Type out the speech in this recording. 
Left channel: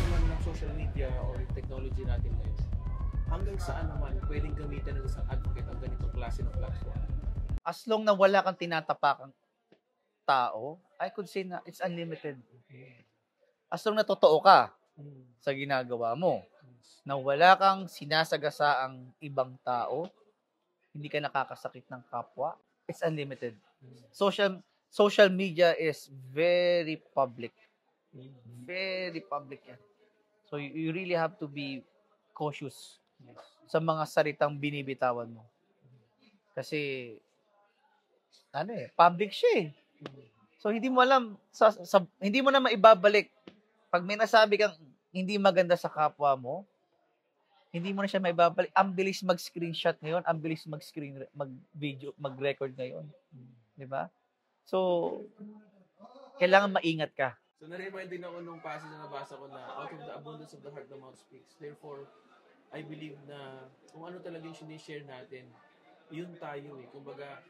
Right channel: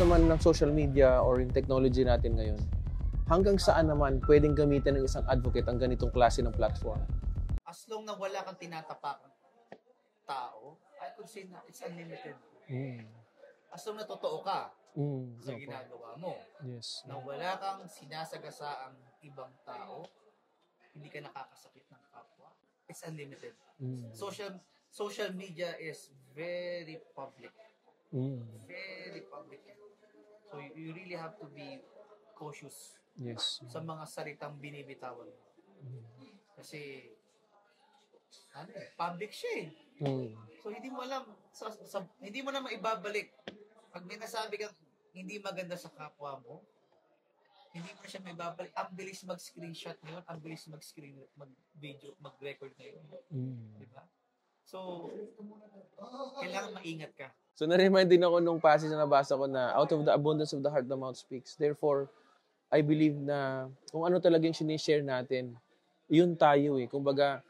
naman ng social media or yung technology natin ngayon, hanggang saan naman pwedeng gamitin ng isang advocate ang ganitong klase ng platform? As long na wala kang tinatapakang tao, I could say na it's unlimited. As long na totoo ka sa ginagawa mo, Yes. na wala kang sinasagasaang ibang tao, hindi ka nakakasakit ng kapwa, it's unlimited. Social media is very public. Very public yan. So you really have to be cautious sa mga salitang binibitawan mo. Kasi public siya eh. So hindi mo alam hindi mo na maibabalik pag may nasabi kang hindi maganda sa kapwa mo, hindi mo na siya maibabalik. Ang bilis mag-screenshot ngayon, ang bilis mag-video, mag-record ngayon. Di ba? So kailangan maingat ka. So, na-remind din ako nung passage na nabasa ko na out of the abundance of the heart, the mouth speaks. Therefore, I believe na kung ano talagang sinishare natin, yun tayo eh. Kumbaga,